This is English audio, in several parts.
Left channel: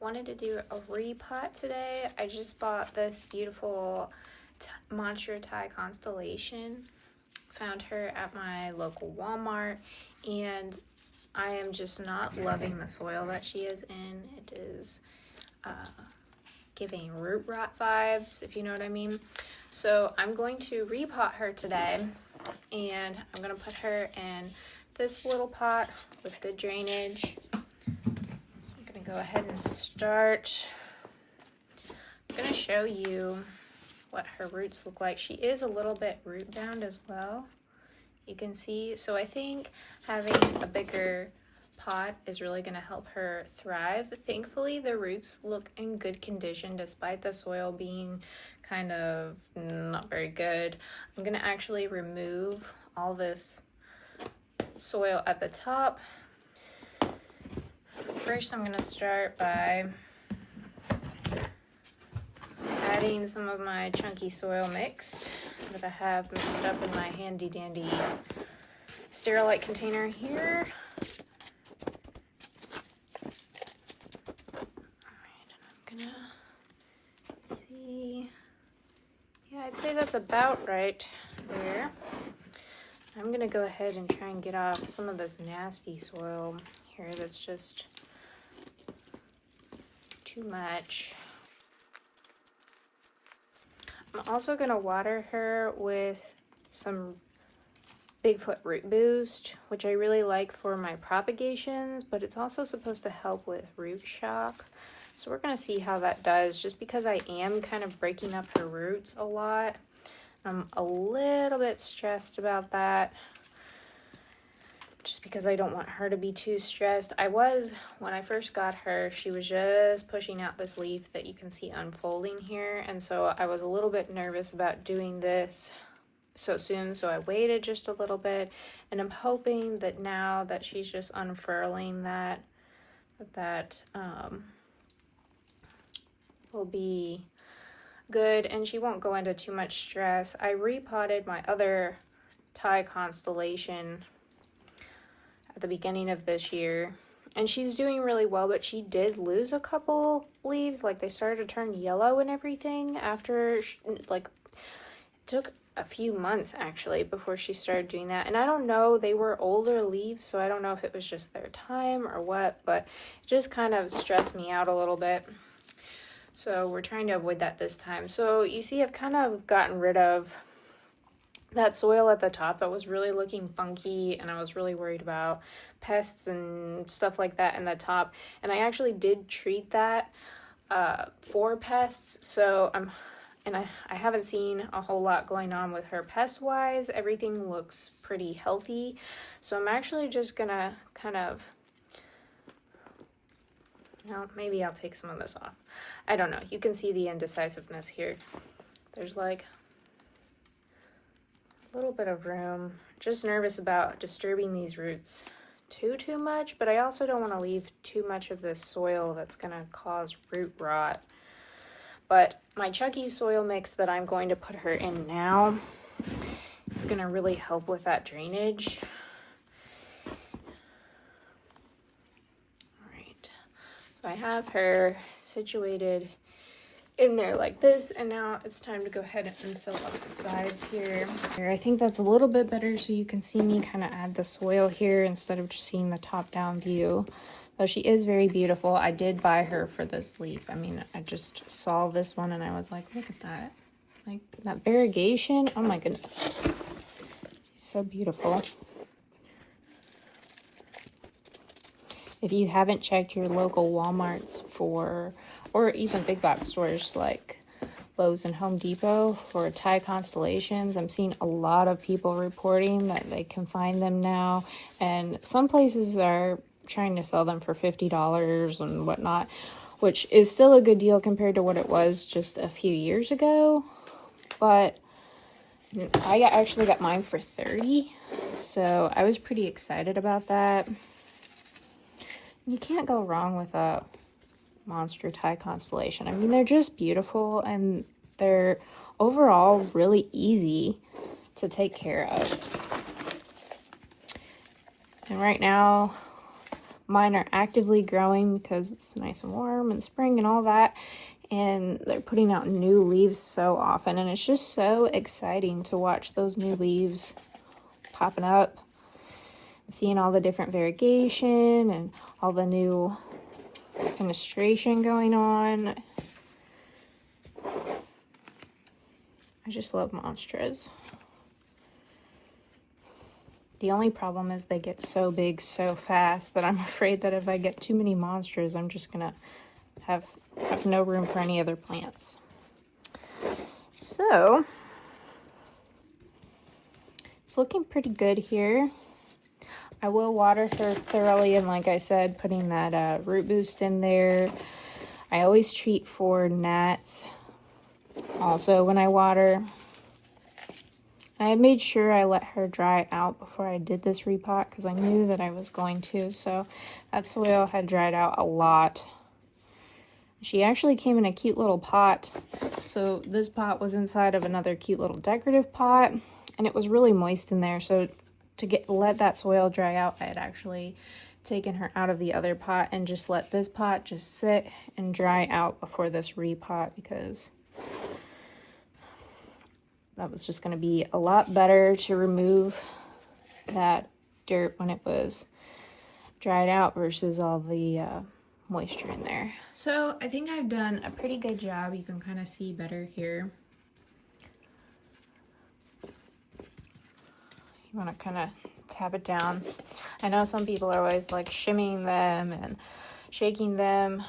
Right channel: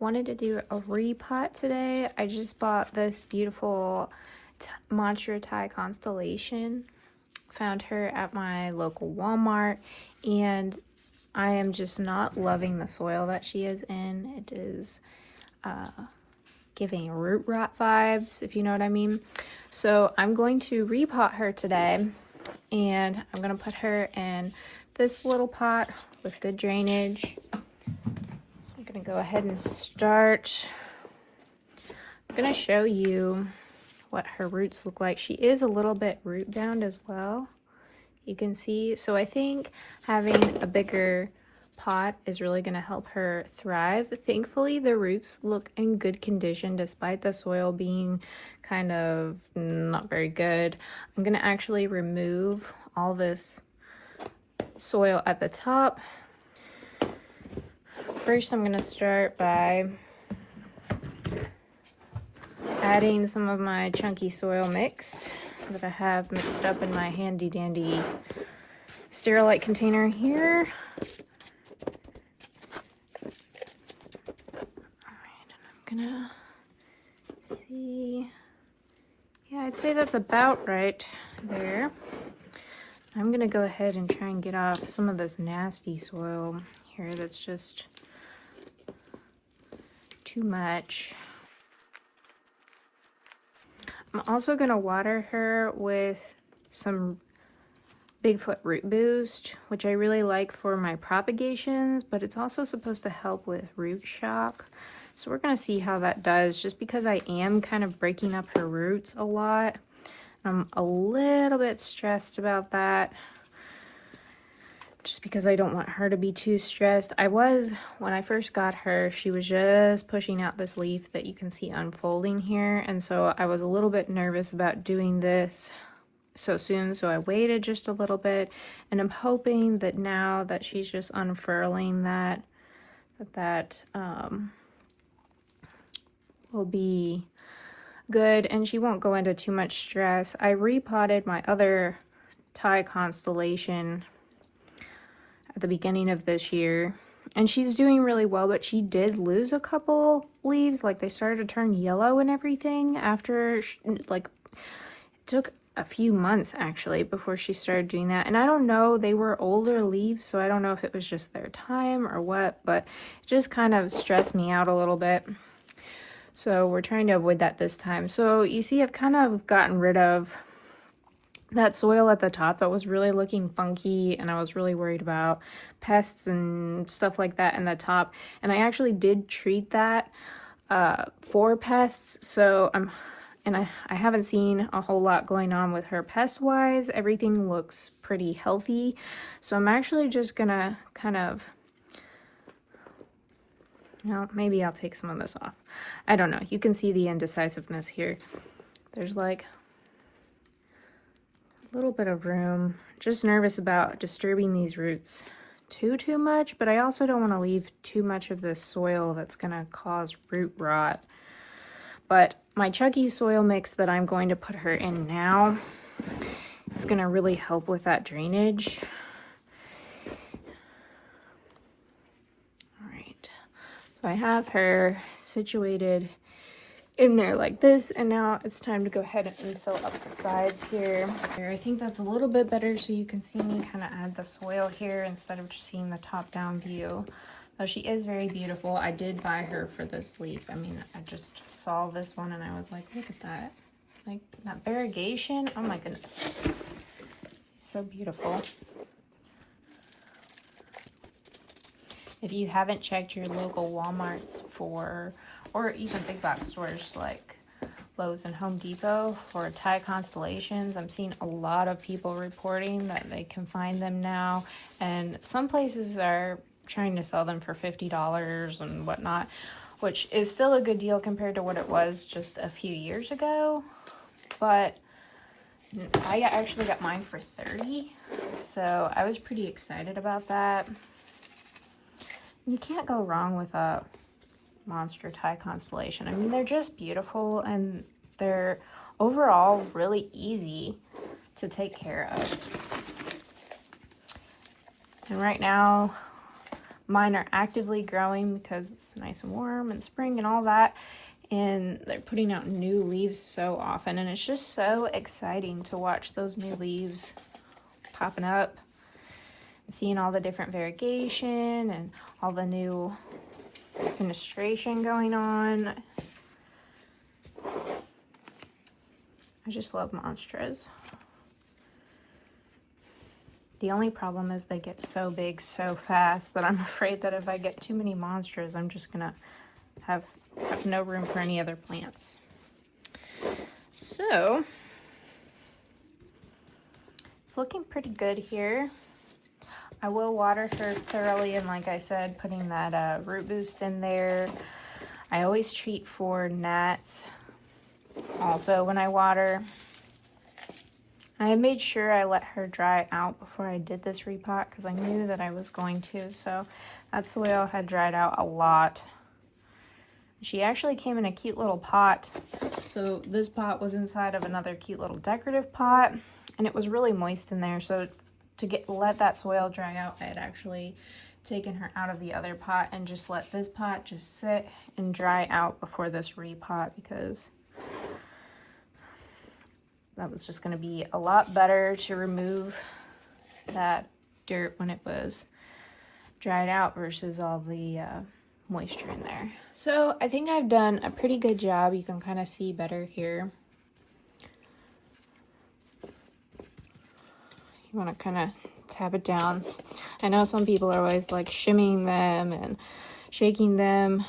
wanted to do a repot today. I just bought this beautiful Monstera Thai Constellation. Found her at my local Walmart, and I am just not loving the soil that she is in. It is giving root rot vibes, if you know what I mean. So I'm going to repot her today, and I'm going to put her in this little pot with good drainage. So I'm going to go ahead and start. I'm going to show you what her roots look like. She is a little bit root bound as well, you can see. So I think having a bigger pot is really going to help her thrive. Thankfully, the roots look in good condition despite the soil being kind of not very good. I'm going to actually remove all this soil at the top. First, I'm going to start by adding some of my chunky soil mix that I have mixed up in my handy dandy Sterilite container here. See, yeah, I'd say that's about right there. I'm gonna go ahead and try and get off some of this nasty soil here that's just too much. I'm also gonna water her with some Bigfoot Root Boost, which I really like for my propagations, but it's also supposed to help with root shock. So we're gonna see how that does, just because I am kind of breaking up her roots a lot. I'm a little bit stressed about that, just because I don't want her to be too stressed. When I first got her, she was just pushing out this leaf that you can see unfolding here, and so I was a little bit nervous about doing this so soon, so I waited just a little bit, and I'm hoping that now that she's just unfurling that will be good and she won't go into too much stress. I repotted my other Thai Constellation at the beginning of this year, and she's doing really well, but she did lose a couple leaves. Like, they started to turn yellow and everything after it took a few months actually before she started doing that. And I don't know, they were older leaves, so I don't know if it was just their time or what, but it just kind of stressed me out a little bit. So we're trying to avoid that this time. So you see, I've kind of gotten rid of that soil at the top that was really looking funky, and I was really worried about pests and stuff like that in the top. And I actually did treat that for pests. So I haven't seen a whole lot going on with her pest-wise. Everything looks pretty healthy. So I'm actually just gonna kind of, maybe I'll take some of this off. I don't know. You can see the indecisiveness here. There's like a little bit of room. Just nervous about disturbing these roots too much, but I also don't want to leave too much of this soil that's gonna cause root rot. But my chunky soil mix that I'm going to put her in now is going to really help with that drainage. All right, so I have her situated in there like this, and now it's time to go ahead and fill up the sides here. I think that's a little bit better, so you can see me kind of add the soil here instead of just seeing the top-down view. Though she is very beautiful. I did buy her for this leaf. I mean, I just saw this one and I was like, look at that. Like, that variegation. Oh my goodness. So beautiful. If you haven't checked your local Walmarts or even big box stores like Lowe's and Home Depot for Thai Constellations, I'm seeing a lot of people reporting that they can find them now. And some places are trying to sell them for $50 and whatnot, which is still a good deal compared to what it was just a few years ago. But I actually got mine for $30, so I was pretty excited about that. You can't go wrong with a Monstera Thai Constellation. I mean, they're just beautiful, and they're overall really easy to take care of. And right now Mine are actively growing because it's nice and warm and spring and all that. And they're putting out new leaves so often. And it's just so exciting to watch those new leaves popping up. Seeing all the different variegation and all the new fenestration going on. I just love Monsteras. The only problem is they get so big so fast that I'm afraid that if I get too many Monsteras, I'm just gonna have no room for any other plants. So it's looking pretty good here. I will water her thoroughly, and like I said, putting that root boost in there. I always treat for gnats also when I water. I made sure I let her dry out before I did this repot because I knew that I was going to, so that soil had dried out a lot. She actually came in a cute little pot. So this pot was inside of another cute little decorative pot, and it was really moist in there. So to let that soil dry out, I had actually taken her out of the other pot and just let this pot just sit and dry out before this repot, because that was just going to be a lot better to remove that dirt when it was dried out versus all the moisture in there. So I think I've done a pretty good job. You can kind of see better here. You want to kind of tap it down. I know some people are always like shimming them and shaking them.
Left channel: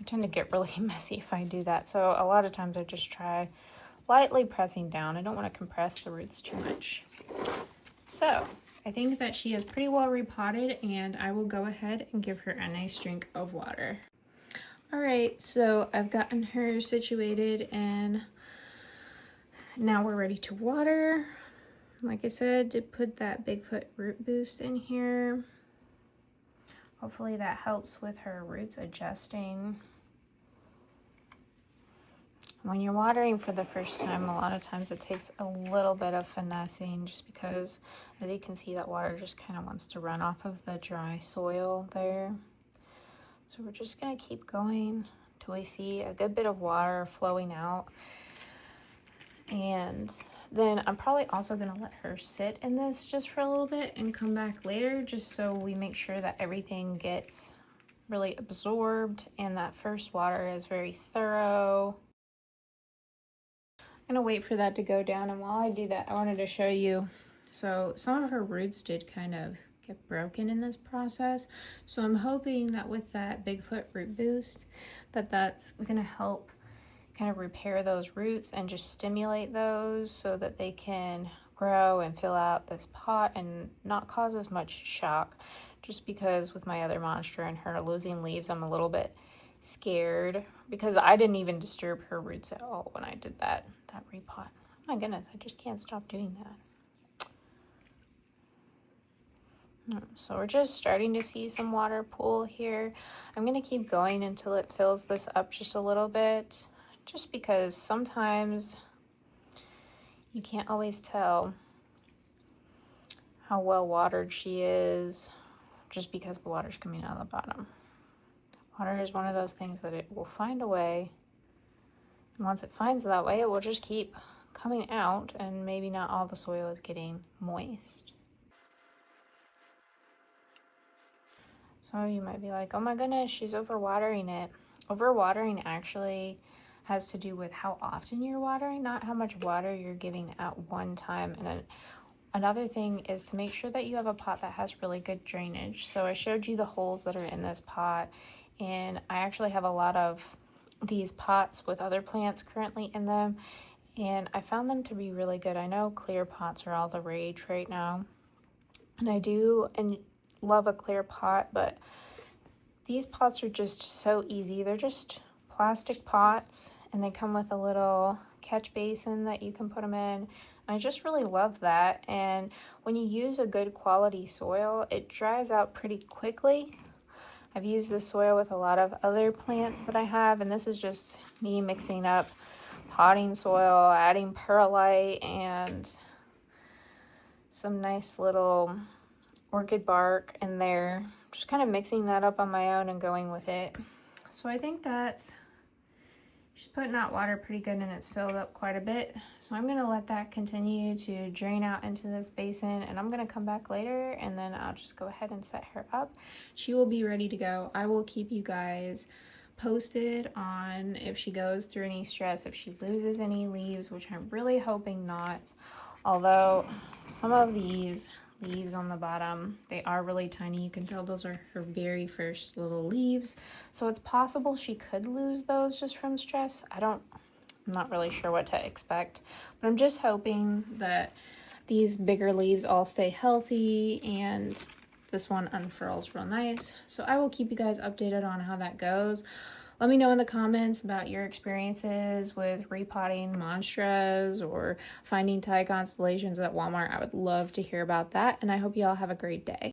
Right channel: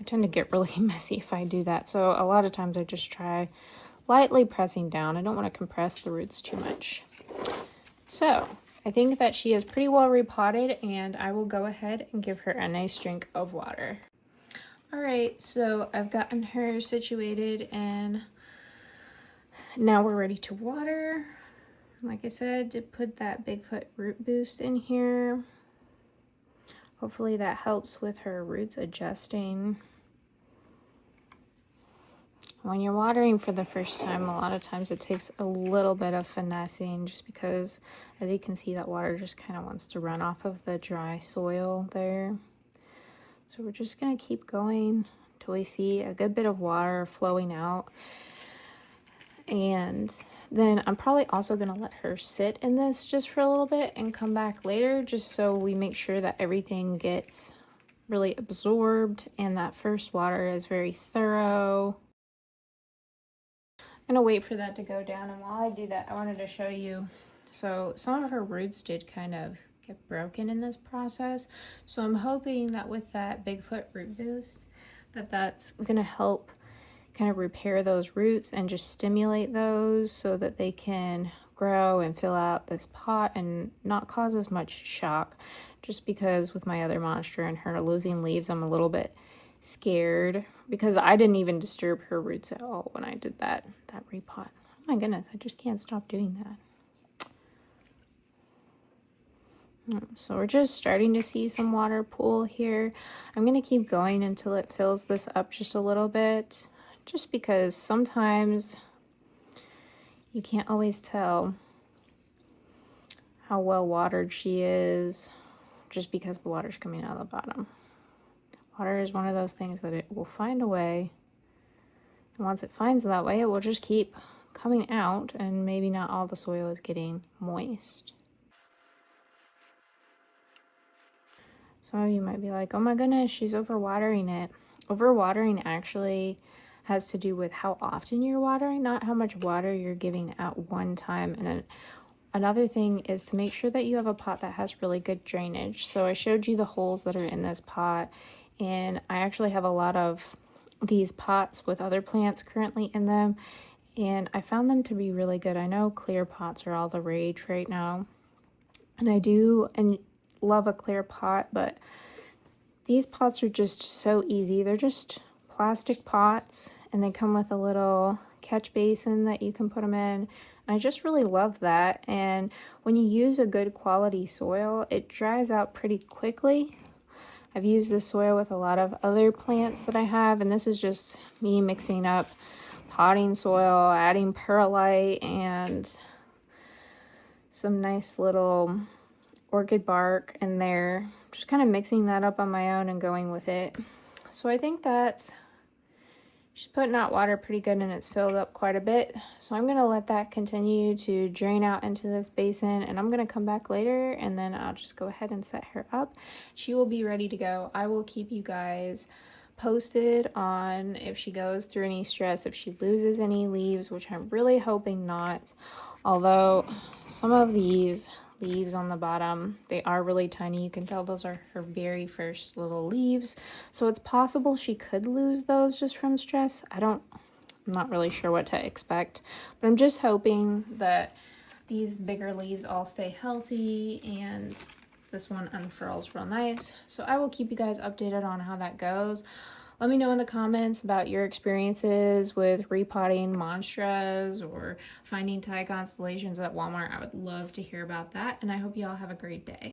I tend to get really messy if I do that. So a lot of times I just try lightly pressing down. I don't want to compress the roots too much. So I think that she is pretty well repotted, and I will go ahead and give her a nice drink of water. All right, so I've gotten her situated and now we're ready to water. Like I said, to put that Bigfoot root boost in here. Hopefully that helps with her roots adjusting. When you're watering for the first time, a lot of times it takes a little bit of finessing, just because, as you can see, that water just kind of wants to run off of the dry soil there. So we're just going to keep going till we see a good bit of water flowing out. And then I'm probably also going to let her sit in this just for a little bit and come back later, just so we make sure that everything gets really absorbed and that first water is very thorough. I'm going to wait for that to go down, and while I do that, I wanted to show you. So some of her roots did kind of get broken in this process, so I'm hoping that with that Bigfoot root boost that's going to help kind of repair those roots and just stimulate those so that they can grow and fill out this pot and not cause as much shock. Just because with my other Monstera and her losing leaves, I'm a little bit scared, because I didn't even disturb her roots at all when I did that repot. Oh my goodness, I just can't stop doing that. So we're just starting to see some water pool here. I'm going to keep going until it fills this up just a little bit, just because sometimes you can't always tell how well watered she is just because the water's coming out of the bottom. Water is one of those things that it will find a way, and once it finds that way, it will just keep coming out, and maybe not all the soil is getting moist. So you might be like, oh my goodness, she's overwatering it. Overwatering actually has to do with how often you're watering, not how much water you're giving at one time. And another thing is to make sure that you have a pot that has really good drainage. So I showed you the holes that are in this pot, and I actually have a lot of these pots with other plants currently in them, and I found them to be really good. I know clear pots are all the rage right now, and I do love a clear pot, but these pots are just so easy. They're just plastic pots, and they come with a little catch basin that you can put them in. And I just really love that. And when you use a good quality soil, it dries out pretty quickly. I've used this soil with a lot of other plants that I have, and this is just me mixing up potting soil, adding perlite, and some nice little orchid bark in there. Just kind of mixing that up on my own and going with it. So I think that's, she's putting out water pretty good and it's filled up quite a bit. So I'm gonna let that continue to drain out into this basin, and I'm gonna come back later and then I'll just go ahead and set her up. She will be ready to go. I will keep you guys posted on if she goes through any stress, if she loses any leaves, which I'm really hoping not. Although some of these leaves on the bottom, they are really tiny. You can tell those are her very first little leaves. So it's possible she could lose those just from stress. I'm not really sure what to expect, but I'm just hoping that these bigger leaves all stay healthy and this one unfurls real nice. So I will keep you guys updated on how that goes. Let me know in the comments about your experiences with repotting monsteras or finding Thai constellations at Walmart. I would love to hear about that, and I hope you all have a great day.